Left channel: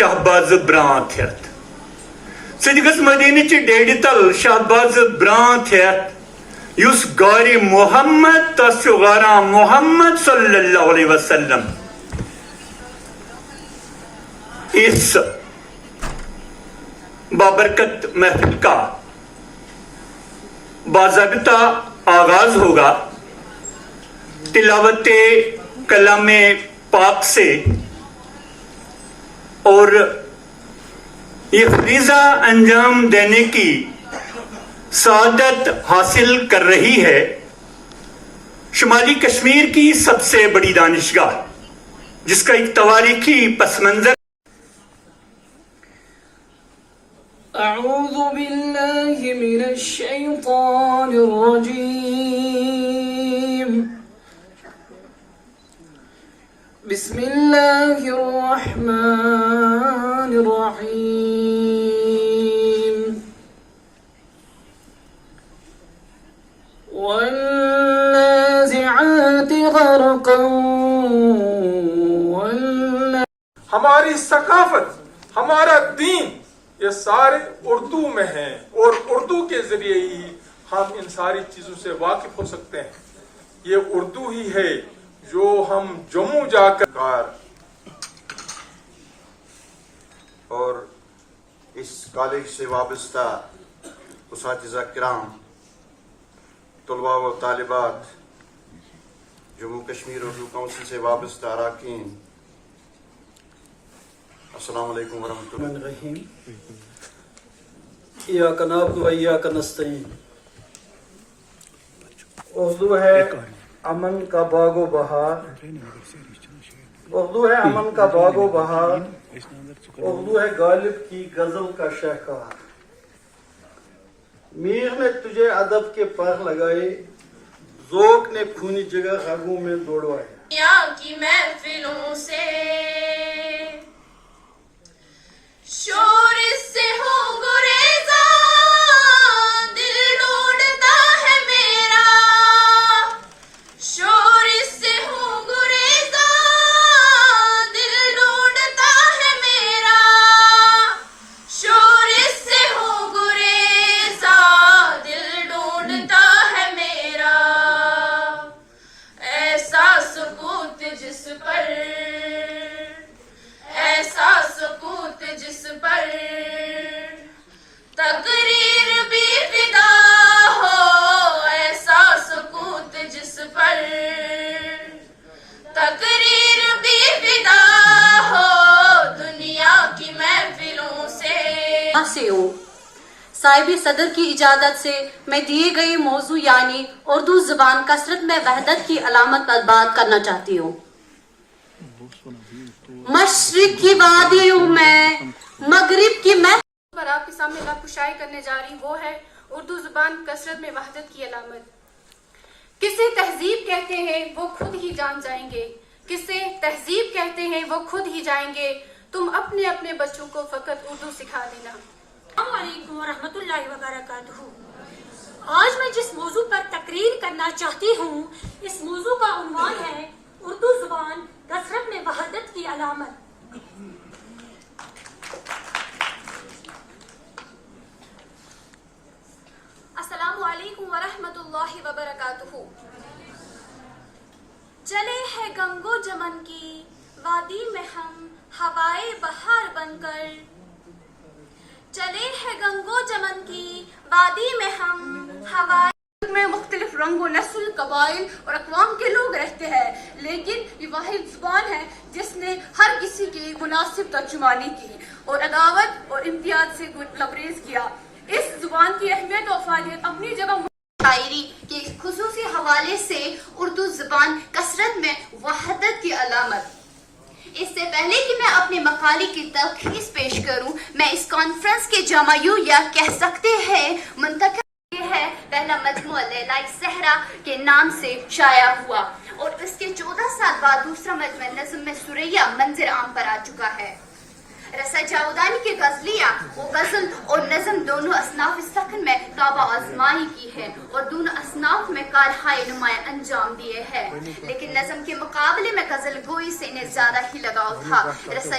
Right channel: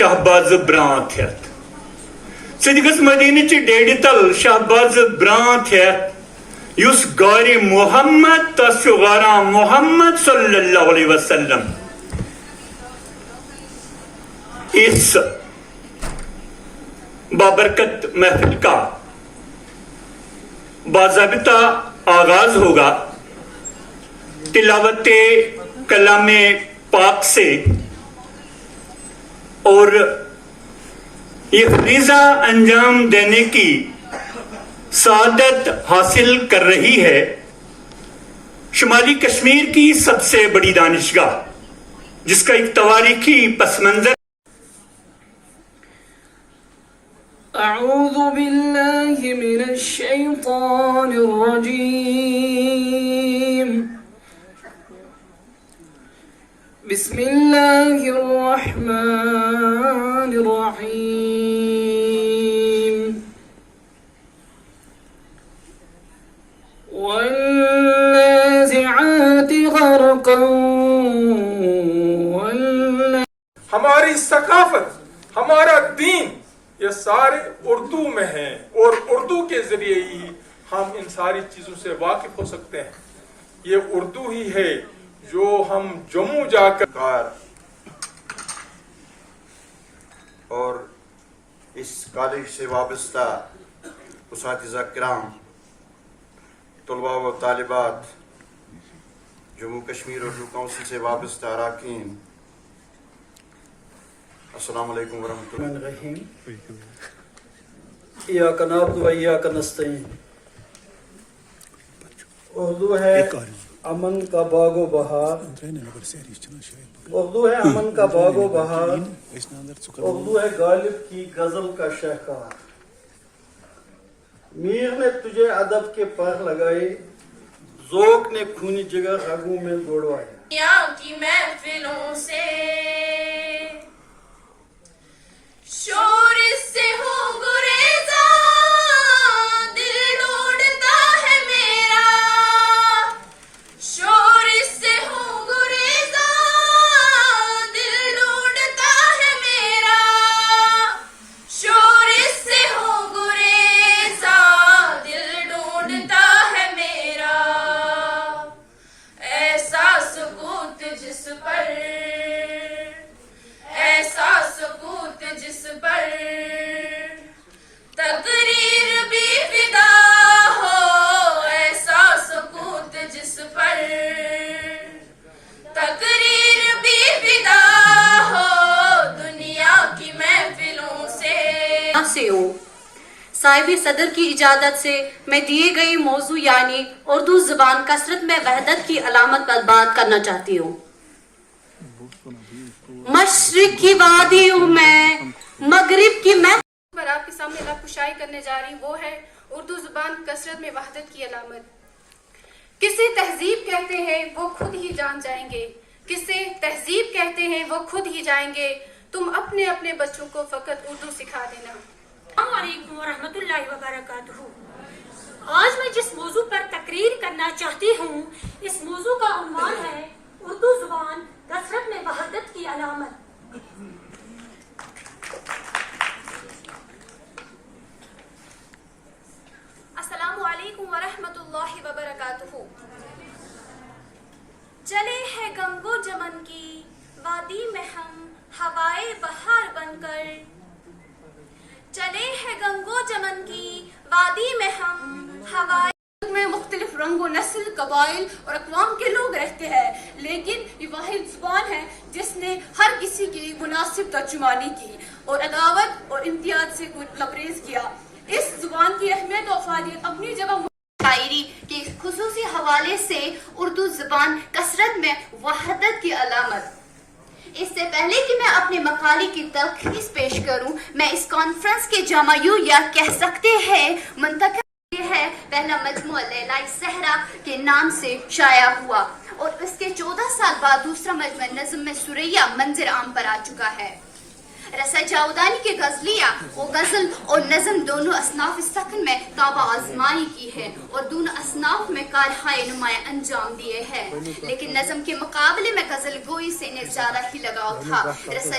شہباز بران تھت سدگس مدینہ چہ ڈیڈ تل شہباز بران تھت یس گار محمد تس غارا محمد صلی اللہ علیہ وسلم اس بابرکت محفل کا باضابطہ آغاز ہوگا تلاوت کلام پاک سے اور یہ فریضہ انجام دینے کی سعادت حاصل کر رہی ہے شمالی کشمیر کی سب سے بڑی دانشگاہ جس کا ایک تاریخی پس منظر اعوذ باللہ من الشیطان الرجیم بسم اللہ الرحمن الرحیم والنازعات غرقا ہماری ثقافت ہمارا دین یہ سارے اردو میں ہیں اور اردو کے ذریعے ہی ہم ان ساری چیزوں سے واقف ہو سکتے ہیں. یہ اردو ہی ہے جو ہم جموں جا کر اور اس کالج سے وابستہ اساتذہ کرام، طلباء و طالبات، جموں کشمیر اردو کونسل سے وابستہ اراکین، السلام علیکم ورحمۃ اللہ. الرحیم ایاک نعبد و ایاک نستعین. اردو ہے امن کا باغ و بہار، اردو ہے امن کا باغ و بہار، اردو ہے غالب کی غزل کا شہکار. میر نے تجھے ادب کے پر لگائے، ذوق نے خونی جگر رگوں میں دوڑوائے. دنیا کی محفلوں سے شور سے ہو گریزا، دل ڈھونڈتا ہے میرا. شور سے ہو گریزا، دل ڈھونڈتا ہے میرا. شور سے ہو گریزا، دل ڈھونڈتا ہے میرا. ایسا سکوت جس پر، ایسا سکوت جس پر تقریر بھی فدا ہو. ایسا سکوت جس پر تقریر بھی فدا ہو. دنیا کی محفلوں سے ہو. صاحب صدر کی اجازت سے میں دیے گئی موضوع یعنی اردو زبان کثرت میں وحدت کی علامت پر بات کرنا چاہتی ہوں. مشرق کی وادیوں میں مغرب کی میں پر آپ کے سامنے بات کشائی کرنے جا رہی وہ ہے اردو زبان کثرت میں وحدت کی علامت. کسے تہذیب کہتے ہیں وہ خود ہی جان جائیں گے، کسے تہذیب کہتے ہیں وہ خود ہی جائیں گے. تم اپنے اپنے بچوں کو فقط اردو سکھا دینا. السلام علیکم ورحمۃ اللہ وبرکاتہ. آج میں جس موضوع پر تقریر کرنا چاہتی ہوں اس موضوع کا عنوان ہے اردو زبان کثرت میں وحدت کی علامت. السلام علیکم ورحمۃ اللہ وبرکاتہ. چلے ہے گنگو جمن کی وادی میں ہم ہوائے بہار بن کر. چلے ہے گنگو جمن کی وادی میں ہم ہوائے میں مختلف رنگ و نسل، قبائل اور اقوام کے لوگ رہتے ہیں، لیکن یہ واحد زبان ہے جس نے ہر کسی کی مناسب ترجمانی کی اور عداوت اور امتیاز سے لبریز کیا. اس زبان کی اہمیت و افادیت اپنی جگہ. شاعری کے خصوصی حوالے سے اردو زبان کثرت میں وحدت کی علامت. اس سے پہلے کہ میں اپنے مقالے کی تلخیص پیش کروں، میں اس کانفرنس کے جامعیوں یا کہہ سکتے ہیں منتخب ہے پہلا مجموعہ لیلائے صحرا کے نام سے شائع ہوا اور اس کے 14 سال بعد دوسرا مجموعہ نظم میں سریہ منظر عام پر آ چکا ہے. رسا جاودانی کے غزلیہ وہ غزل اور نظم دونوں اصناف سخن میں کعبہ آزمائی کی ہے اور دونوں اصناف میں کارہائے نمایاں انجام دیے ہیں، لیکن نظم کے مقابلے میں غزل گوئی سے انہیں زیادہ ہی لگاؤ تھا. رسا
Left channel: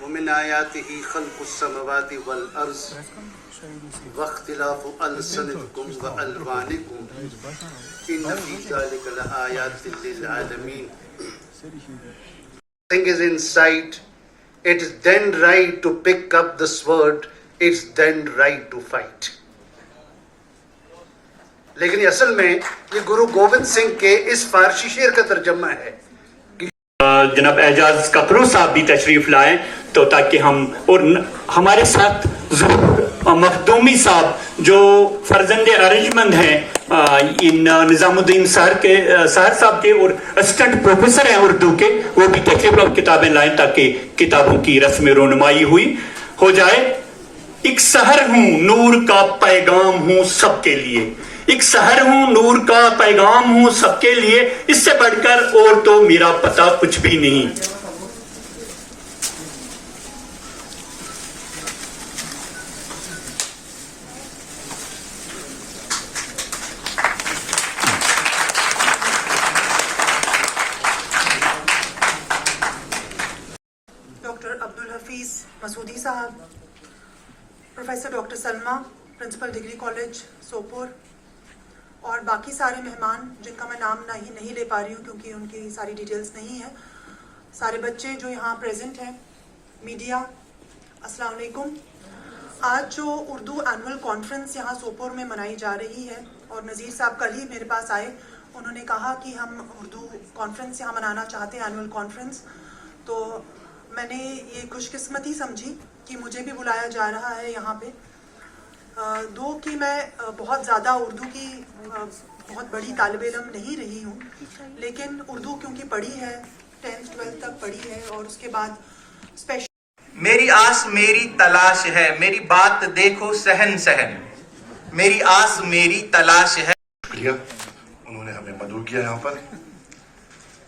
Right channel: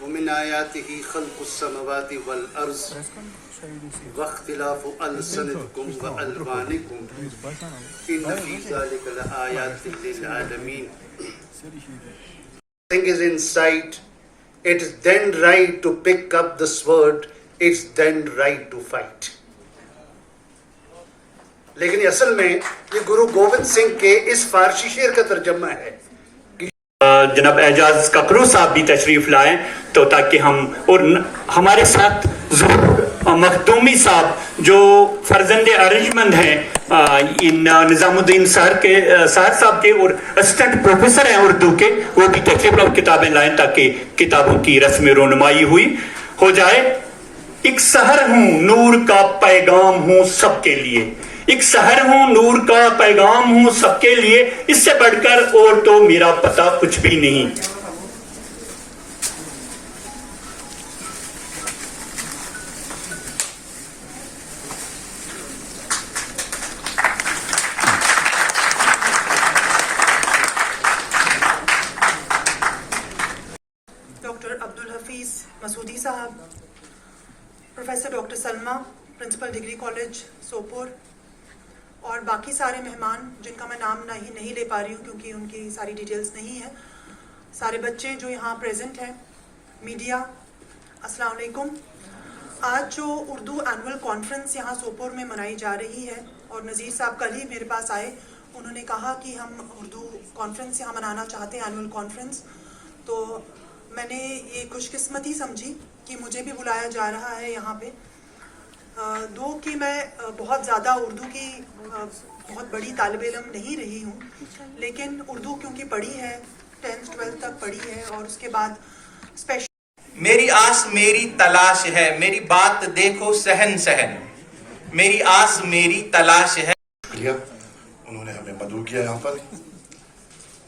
ومن آياته خلق السماوات والأرض واختلاف ألسنتكم وألوانكم إن في ذلك لآيات للعالمين. Thing is inside, it is then right to pick up the sword, it's then right to fight. لیکن اصل میں یہ گرو گوبند سنگھ کے اس فارسی شعر کا ترجمہ ہے. جناب اعجاز ککرو صاحب بھی تشریف لائیں تو تاکہ ہم اور ہمارے ساتھ ظہور مخدومی صاحب جو فرزند ارجمند ہیں ان نظام الدین سار صاحب کے اور اسسٹنٹ پروفیسر ہیں اردو کے، وہ بھی تشریف اور کتابیں لائیں تاکہ کتابوں کی رسم رونمائی ہو جائے. ایک سحر ہوں نور کا پیغام ہوں سب کے لیے، ایک سحر ہوں نور کا پیغام ہوں سب کے لیے، اس سے بڑھ کر اور تو میرا پتہ کچھ بھی نہیں. ڈاکٹر عبدالحفیظ مسعودی صاحب، پروفیسر ڈاکٹر سلمہ، پرنسپل ڈگری کالج سوپور، اور باقی سارے مہمان جن کا میں نام نہیں لے پا رہی ہوں کیونکہ ان کی ساری ڈیٹیلز نہیں ہیں، سارے بچے جو یہاں پریزنٹ ہیں، میڈیا، السلام علیکم. آج جو اردو اینول کانفرنس یہاں سوپور میں منائی جا رہی ہے، اور نذیر صاحب کل ہی میرے پاس آئے، انہوں نے کہا کہ ہم اردو کانفرنس یہاں منانا چاہتے ہیں، اینول کانفرنس. تو میں نے یہ خوش قسمتی سمجھی کہ مجھے بھی بلایا جا رہا ہے یہاں پہ. دو کہ میں بہت زیادہ اردو کی بہت بڑی طالب علم نہیں رہی ہوں، لیکن اردو کیونکہ پڑھی ہے، 10th 12th تک پڑھی ہے، اور اس کے بعد اسپیشل. میری آس میری تلاش ہے، میری بات دیکھو سہن سہن، میری آس میری تلاش ہے. شکریہ، انہوں نے ہمیں مدعو کیا. یہاں پر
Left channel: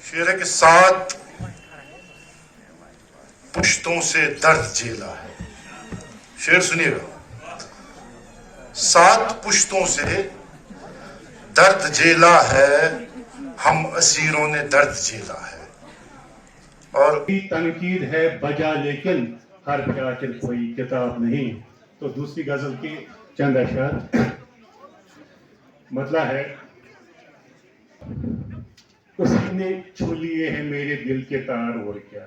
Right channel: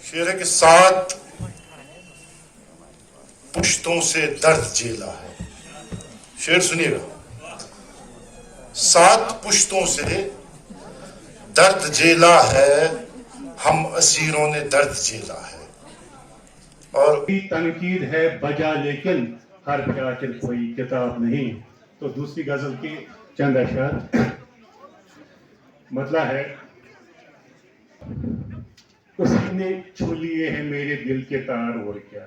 شعر ہے کہ 7 پشتوں سے درد جیلا ہے. شعر سنیے گا. 7 پشتوں سے درد جیلا ہے، ہم اسیروں نے درد جیلا ہے. اور تنقید ہے بجا لیکن ہر کاتب کوئی کتاب نہیں. تو دوسری غزل کی چند اشعار مطلع ہے. اسی نے چھو لیے ہیں میرے دل کے تار اور کیا.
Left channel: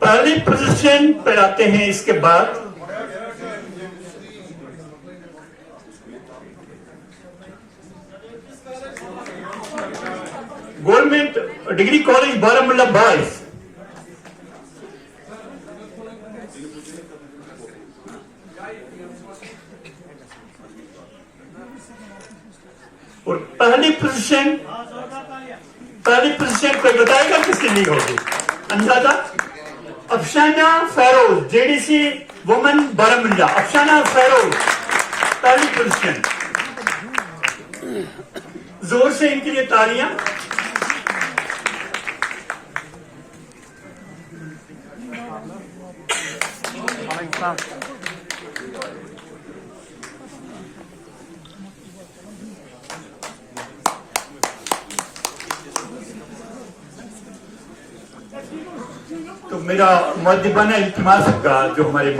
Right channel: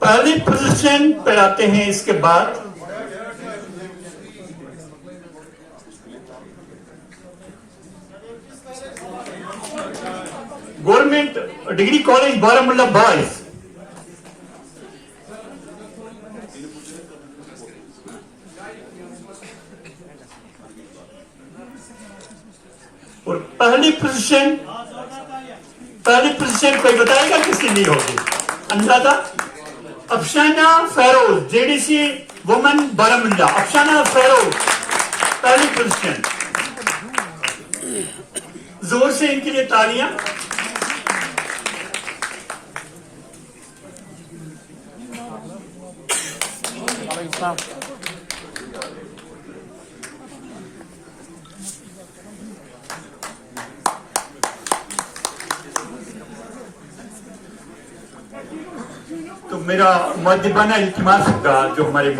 پہلی پوزیشن پر آتے ہیں. اس کے بعد government degree college Baramulla boys, اور پہلی پوزیشن کوئی بتائے گا کس کی نہیں ہوگی اندازہ؟ Afshana Feroz, J D C women Baramulla. Afshana Feroz پہلی پوزیشن. زور سے ان کے لیے تالیاں. تو میرا مؤدبانہ التماس ہوگا جو ہمارے